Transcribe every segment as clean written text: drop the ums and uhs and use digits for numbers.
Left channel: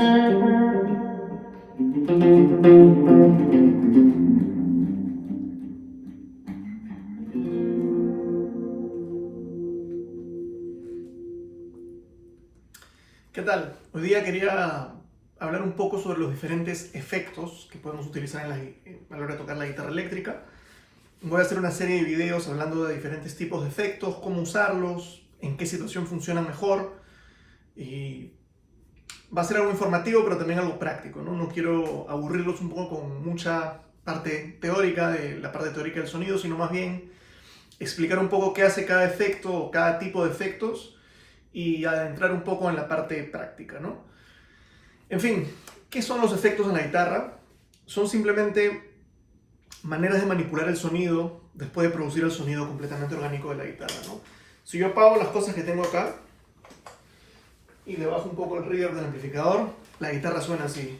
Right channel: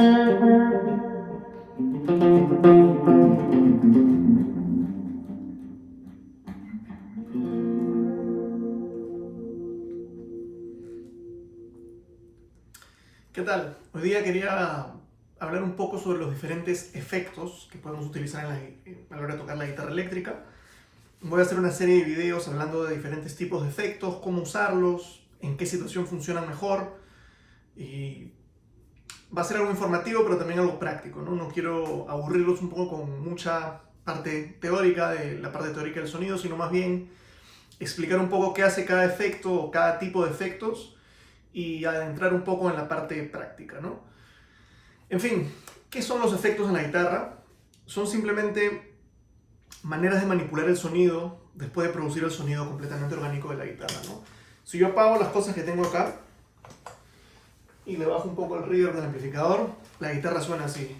¿Qué tal? Hoy día quería hablar un poco sobre los diferentes efectos que podemos utilizar a la hora de tocar la guitarra eléctrica. Voy a hacer una serie de videos hablando de diferentes tipos de efectos, cómo usarlos, en qué situación funcionan mejor. Y va a ser algo informativo, pero también algo práctico, ¿no? No quiero aburrirlos un poco con mucha parte teórica, de la parte teórica del sonido, sino más bien explicar un poco qué hace cada efecto o cada tipo de efectos y adentrar un poco en la parte práctica, ¿no? En fin, ¿qué son los efectos en la guitarra? Son simplemente maneras de manipular el sonido después de producir el sonido completamente orgánico de la guitarra, ¿no? Si yo apago las cosas que tengo acá y le bajo un poco el reverb del amplificador, la guitarra suena así.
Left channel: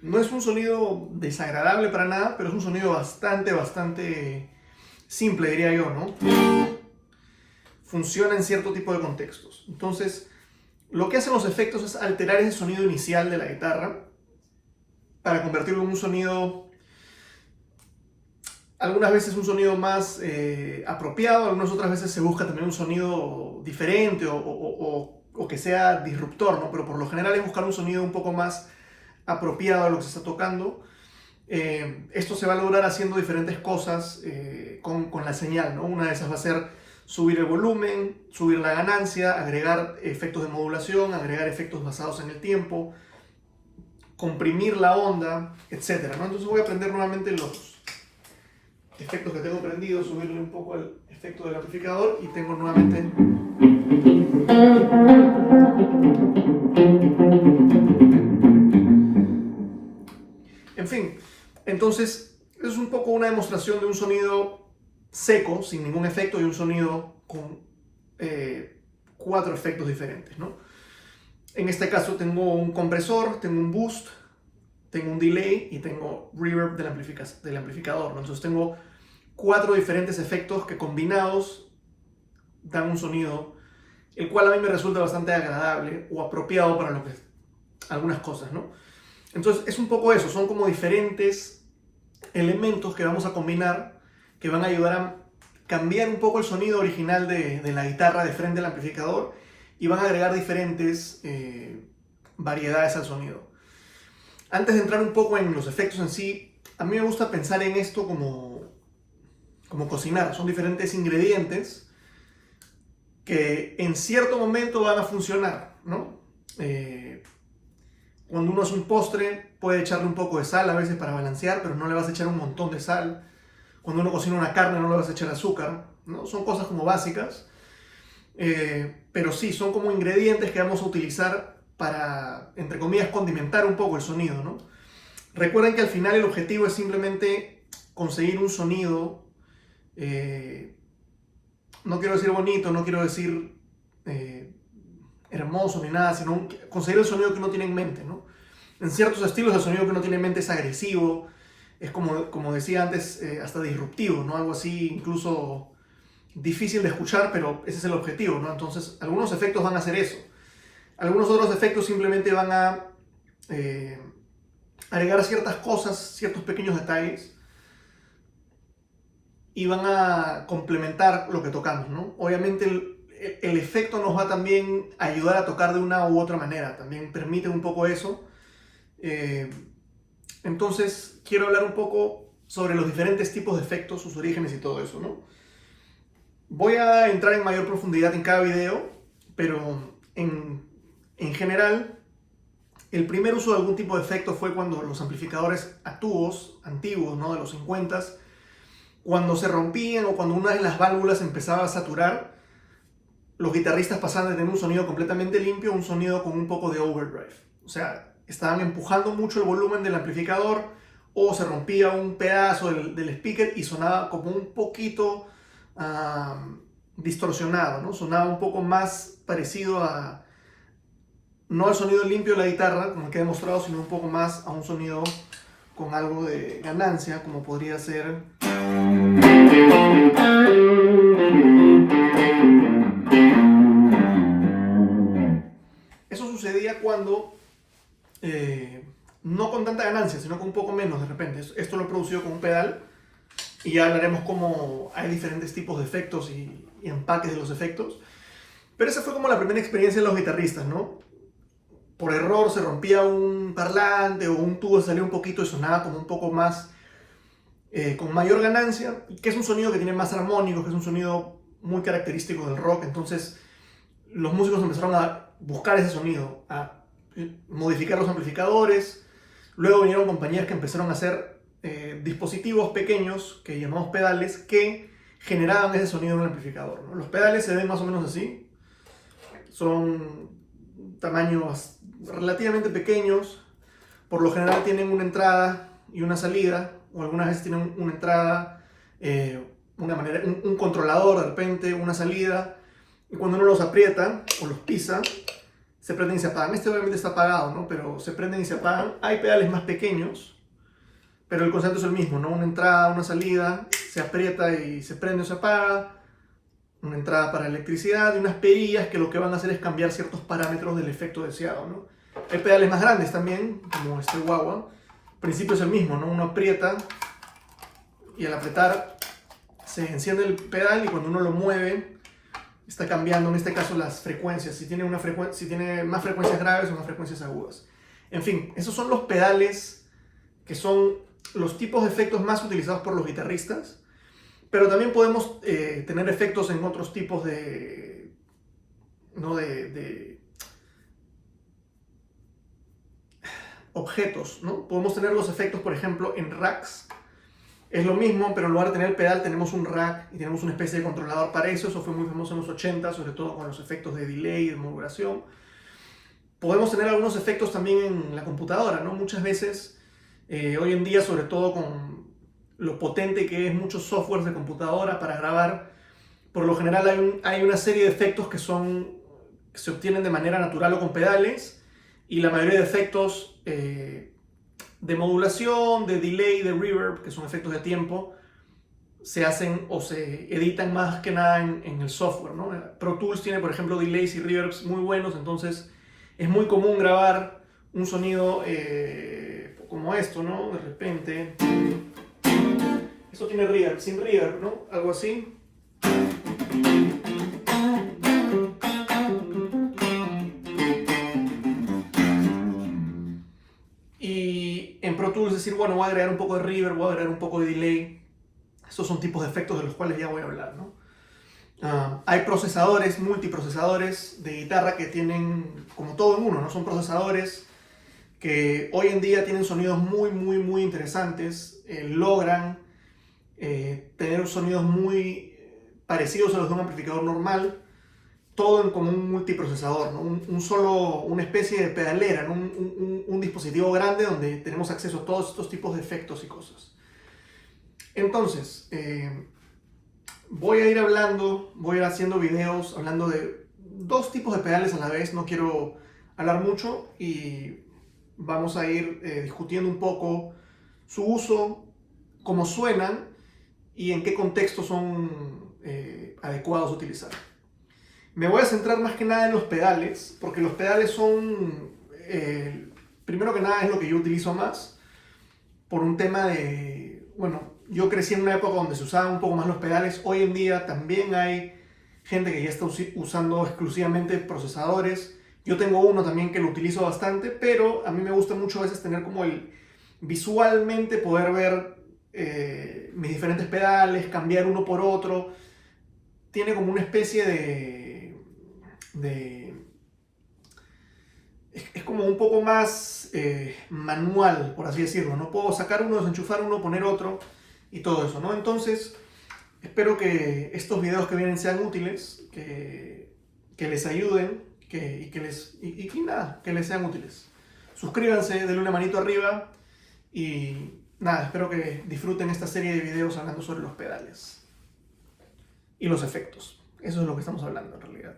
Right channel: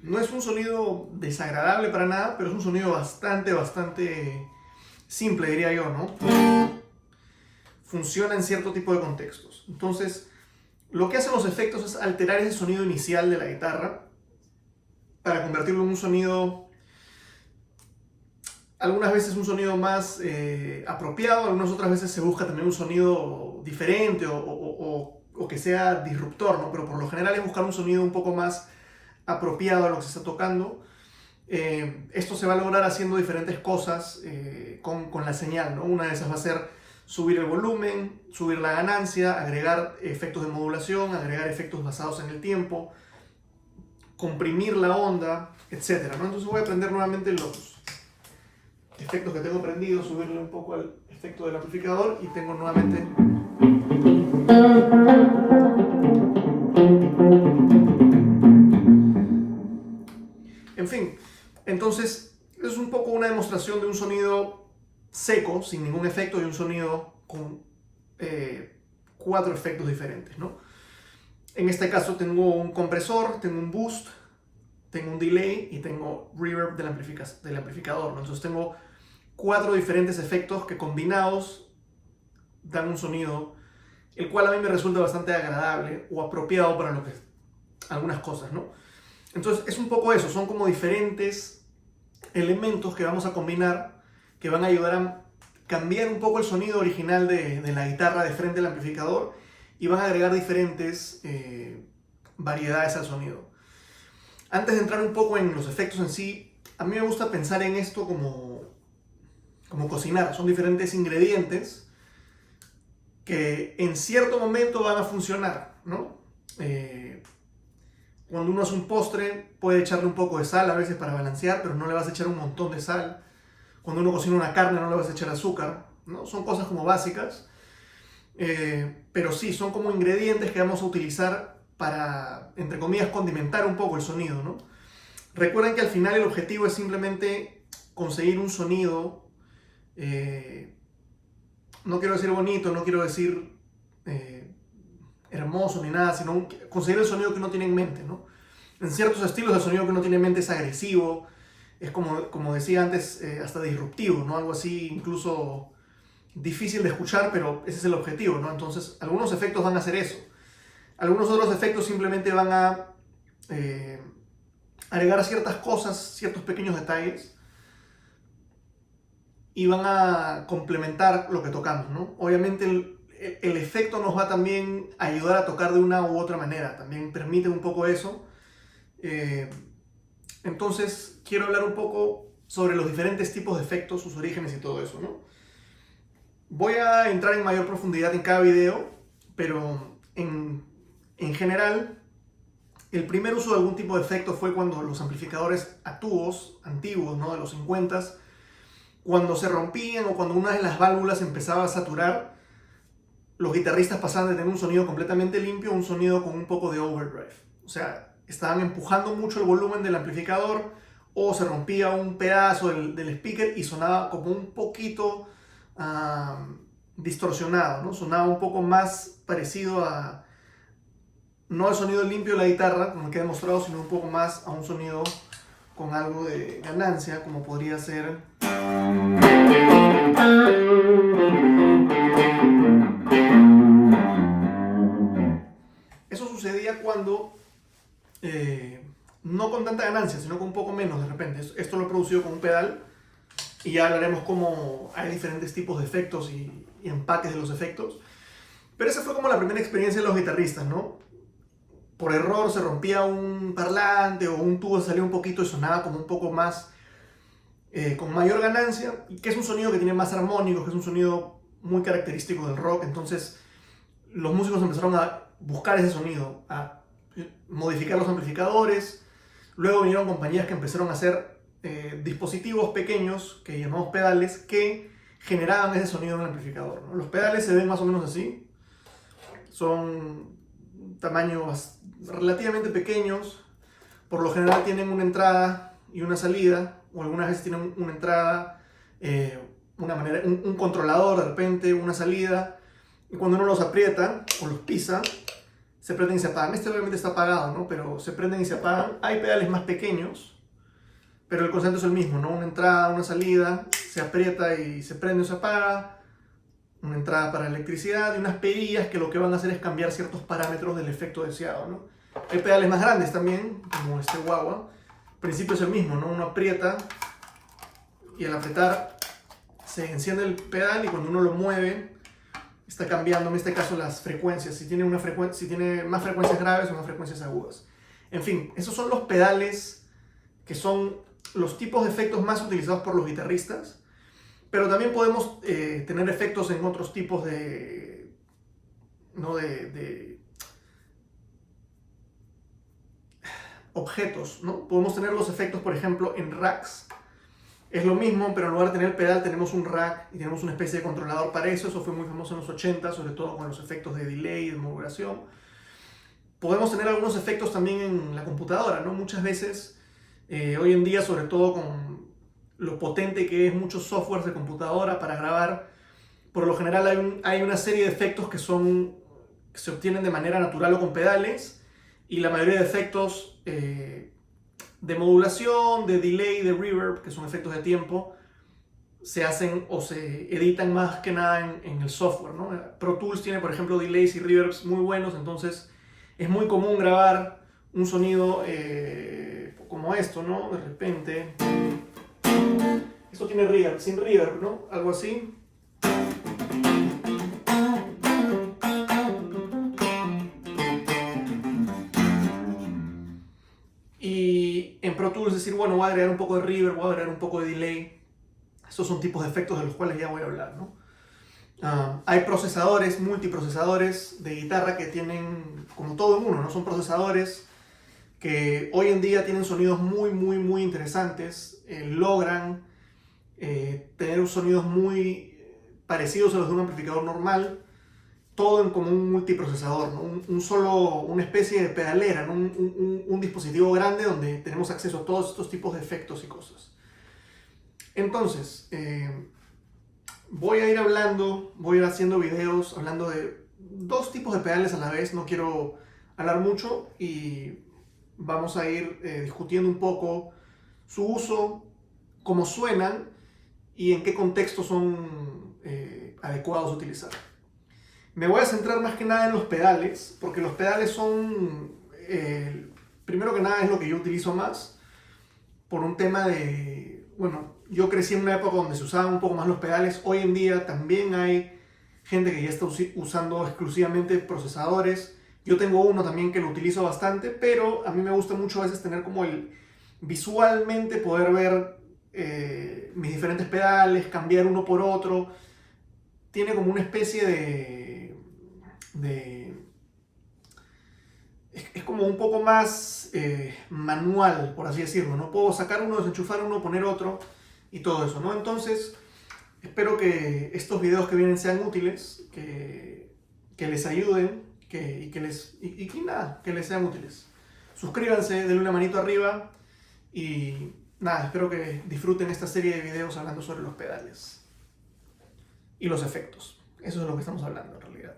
No es un sonido desagradable para nada, pero es un sonido bastante simple, diría yo, ¿no? Funciona en cierto tipo de contextos. Entonces, lo que hacen los efectos es alterar ese sonido inicial de la guitarra para convertirlo en un sonido, algunas veces un sonido más apropiado, algunas otras veces se busca también un sonido diferente o que sea disruptor, ¿no? Pero por lo general es buscar un sonido un poco más apropiado a lo que se está tocando. Esto se va a lograr haciendo diferentes cosas con la señal, ¿no? Una de esas va a ser subir el volumen, subir la ganancia, agregar efectos de modulación, agregar efectos basados en el tiempo, comprimir la onda, etc., ¿no? Entonces voy a prender nuevamente los efectos que tengo prendidos, subirle un poco al efecto del amplificador y tengo nuevamente... En fin, entonces es un poco una demostración de un sonido seco, sin ningún efecto, y un sonido con 4 efectos diferentes, ¿no? En este caso tengo un compresor, tengo un boost, tengo un delay y tengo reverb del amplificador, ¿no? Entonces tengo 4 diferentes efectos que combinados dan un sonido, el cual a mí me resulta bastante agradable o apropiado para lo que algunas cosas, ¿no? Entonces es un poco eso, son como diferentes elementos que vamos a combinar que van a ayudar a cambiar un poco el sonido original de la guitarra de frente al amplificador y van a agregar diferentes variedades al sonido. Antes de entrar un poco en los efectos en sí, a mí me gusta pensar en esto como cocinar. Son diferentes ingredientes que en cierto momento van a funcionar, ¿no? Cuando uno hace un postre, puede echarle un poco de sal a veces para balancear, pero no le vas a echar un montón de sal. Cuando uno cocina una carne, no le vas a echar azúcar, ¿no? Son cosas como básicas, pero sí, son como ingredientes que vamos a utilizar para, entre comillas, condimentar un poco el sonido, ¿no? Recuerden que al final el objetivo es simplemente conseguir un sonido, no quiero decir bonito, no quiero decir hermoso ni nada, sino conseguir el sonido que uno tiene en mente, ¿no? En ciertos estilos el sonido que uno tiene en mente es agresivo, es como decía antes, hasta disruptivo, ¿no? Algo así incluso difícil de escuchar, pero ese es el objetivo, ¿no? Entonces algunos efectos van a hacer eso. Algunos otros efectos simplemente van a agregar ciertas cosas, ciertos pequeños detalles y van a complementar lo que tocamos, ¿no? Obviamente el efecto nos va también a ayudar a tocar de una u otra manera, también permite un poco eso. Entonces quiero hablar un poco sobre los diferentes tipos de efectos, sus orígenes y todo eso, ¿no? Voy a entrar en mayor profundidad en cada video, pero en general, el primer uso de algún tipo de efecto fue cuando los amplificadores a tubos antiguos, ¿no? De los 50s, cuando se rompían o cuando una de las válvulas empezaba a saturar, los guitarristas pasaban de tener un sonido completamente limpio a un sonido con un poco de overdrive. O sea, estaban empujando mucho el volumen del amplificador o se rompía un pedazo del speaker y sonaba como un poquito distorsionado, ¿no? Sonaba un poco más parecido a, no al sonido limpio de la guitarra, como el que he demostrado, sino un poco más a un sonido con algo de ganancia, como podría ser. Eso sucedía cuando, no con tanta ganancia, sino con un poco menos de repente. Esto lo he producido con un pedal y ya hablaremos cómo hay diferentes tipos de efectos y empaques de los efectos. Pero esa fue como la primera experiencia de los guitarristas, ¿no? Por error se rompía un parlante o un tubo salía un poquito y sonaba como un poco más, con mayor ganancia, que es un sonido que tiene más armónicos, que es un sonido muy característico del rock. Entonces los músicos empezaron a buscar ese sonido, a modificar los amplificadores. Luego vinieron compañías que empezaron a hacer dispositivos pequeños, que llamamos pedales, que generaban ese sonido en el amplificador, ¿no? Los pedales se ven más o menos así. Son tamaños relativamente pequeños. Por lo general tienen una entrada y una salida, o algunas veces tienen una entrada, un controlador de repente, una salida. Y cuando uno los aprieta o los pisa, se prenden y se apagan. Este obviamente está apagado, ¿no? Pero se prenden y se apagan. Hay pedales más pequeños, pero el concepto es el mismo, ¿no? Una entrada, una salida, se aprieta y se prende o se apaga. Una entrada para electricidad y unas perillas que lo que van a hacer es cambiar ciertos parámetros del efecto deseado, ¿no? Hay pedales más grandes también, como este Wah-Wah. El principio es el mismo, ¿no? Uno aprieta y al apretar se enciende el pedal y cuando uno lo mueve está cambiando, en este caso, las frecuencias. Si tiene más frecuencias graves o más frecuencias agudas. En fin, esos son los pedales que son los tipos de efectos más utilizados por los guitarristas. Pero también podemos tener efectos en otros tipos de objetos, ¿no? Podemos tener los efectos, por ejemplo, en racks. Es lo mismo, pero en lugar de tener el pedal tenemos un rack y tenemos una especie de controlador para eso. Eso fue muy famoso en los 80, sobre todo con los efectos de delay y de modulación. Podemos tener algunos efectos también en la computadora, ¿no? Muchas veces, hoy en día, sobre todo con lo potente que es muchos softwares de computadora para grabar, por lo general hay una serie de efectos que se obtienen de manera natural o con pedales, y la mayoría de efectos de modulación, de delay, de reverb, que son efectos de tiempo, se hacen o se editan más que nada en el software, ¿no? Pro Tools tiene, por ejemplo, delays y reverbs muy buenos, entonces es muy común grabar un sonido como esto, ¿no? De repente, esto tiene reverb, sin reverb, ¿no? Algo así. Y en Pro Tools decir, bueno, voy a agregar un poco de reverb, voy a agregar un poco de delay. Estos son tipos de efectos de los cuales ya voy a hablar, ¿no? Hay procesadores, multiprocesadores de guitarra que tienen como todo en uno, ¿no? Son procesadores que hoy en día tienen sonidos muy, muy, muy interesantes. Logran tener sonidos muy parecidos a los de un amplificador normal. Todo en como un multiprocesador, ¿no? Una especie de pedalera, ¿no? Un dispositivo grande donde tenemos acceso a todos estos tipos de efectos y cosas. Entonces, voy a ir haciendo videos hablando de dos tipos de pedales a la vez. No quiero hablar mucho y vamos a ir discutiendo un poco su uso, cómo suenan y en qué contexto son adecuados a utilizar. Me voy a centrar más que nada en los pedales, porque los pedales son, primero que nada, es lo que yo utilizo más, por un tema de, bueno, yo crecí en una época donde se usaban un poco más los pedales. Hoy en día también hay gente que ya está usando exclusivamente procesadores. Yo tengo uno también que lo utilizo bastante, pero a mí me gusta mucho a veces tener como visualmente poder ver mis diferentes pedales, cambiar uno por otro. Tiene como una especie es como un poco más manual, por así decirlo, ¿no? Puedo sacar uno, desenchufar uno, poner otro y todo eso, ¿no? Entonces, espero que estos videos que vienen sean útiles, que les ayuden que les sean útiles. Suscríbanse, denle una manito arriba y nada, espero que disfruten esta serie de videos hablando sobre los pedales y los efectos. Eso es lo que estamos hablando en realidad.